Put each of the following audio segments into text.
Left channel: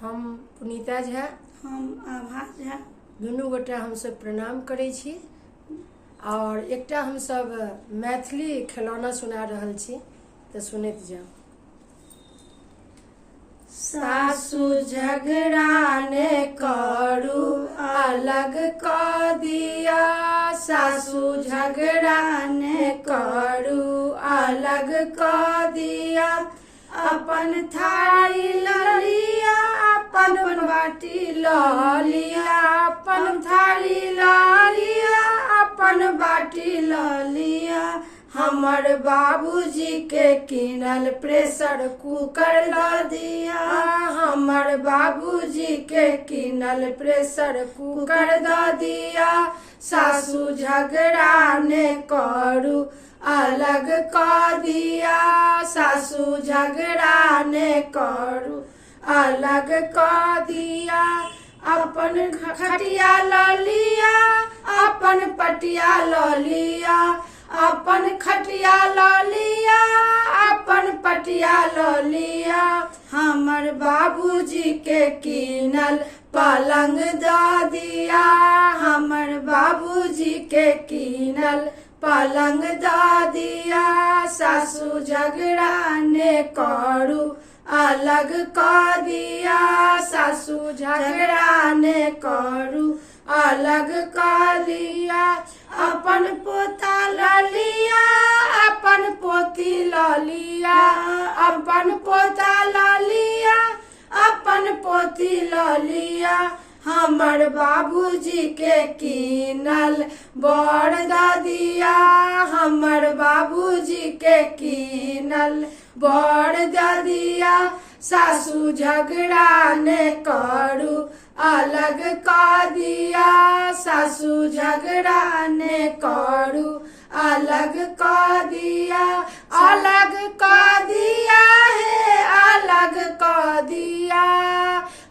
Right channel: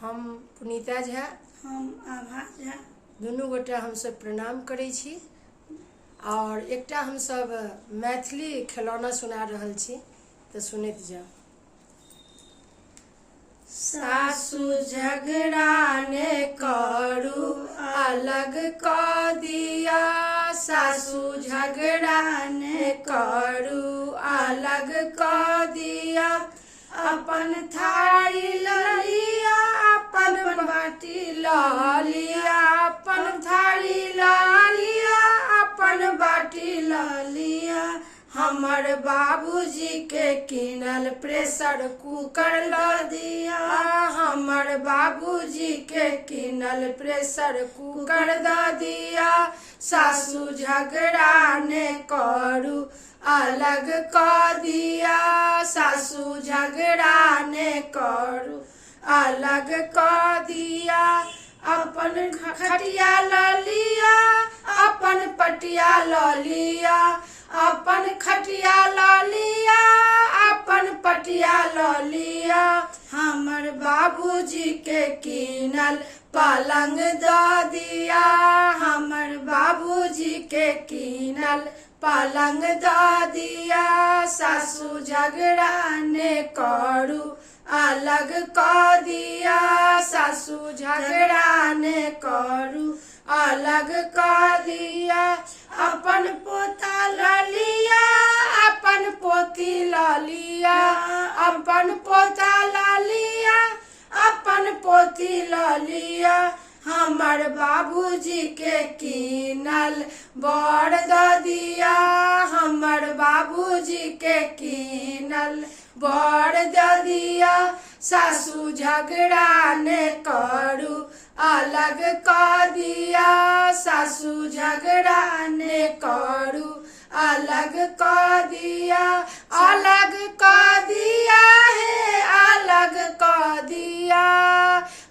हम पुनीता झा, हम आभा झा, दुनू गोटा हमसब प्रणाम करै छी और एकटा हमसब मैथिली खिलौना सुना रहल छी, तो सुनैत जाओ। सासु झगड़ा ने करू अलग क दिया, सासु झगड़ा ने करू अलग क दिया, अपन थारी लिया अपन बाटी लिया, अपन थारी लिया अपन बाटी लिया, हमर बाबूजी के किनल प्रेशर कुकर ला दिया, हमर बाबूजी के किनल प्रेशर कुकर दा दिया, सासु झगड़ा ने करू अलग क दिया, सासु झगड़ा ने करू अलग क दिया, अपन खटिया लिया अपन पटिया लिया, अपन खटिया लिया अपन पटिया लिया, हमर बाबूजी के किनल पलंग द दिया, हमर बाबूजी के किनल पलंग द दिया, सासु झगड़ा ने करू अलग क दिया, सासु झगड़ा ने करू अलग क दिया, अपन पोता लिया अपन पोती लिया, अपन पोता लिया अपन पोती लिया, हमर बाबूजी के किनल बड़ द दिया, हमर बाबूजी के किनल बड़ द दिया, सासु झगड़ा ने करू अलग क दिया, सासु झगड़ा ने करू अलग क दिया, अलग क दिया है अलग क दिया,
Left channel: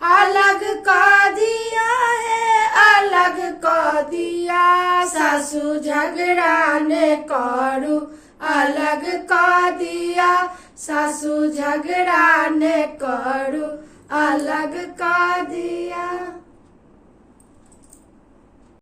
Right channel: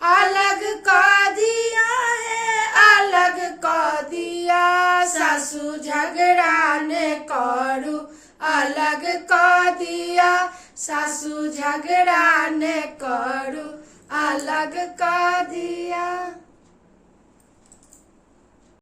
अलग क दिया है अलग क दिया, सासु झगड़ा ने करू अलग क दिया, सासु झगड़ा ने करू अलग क दिया।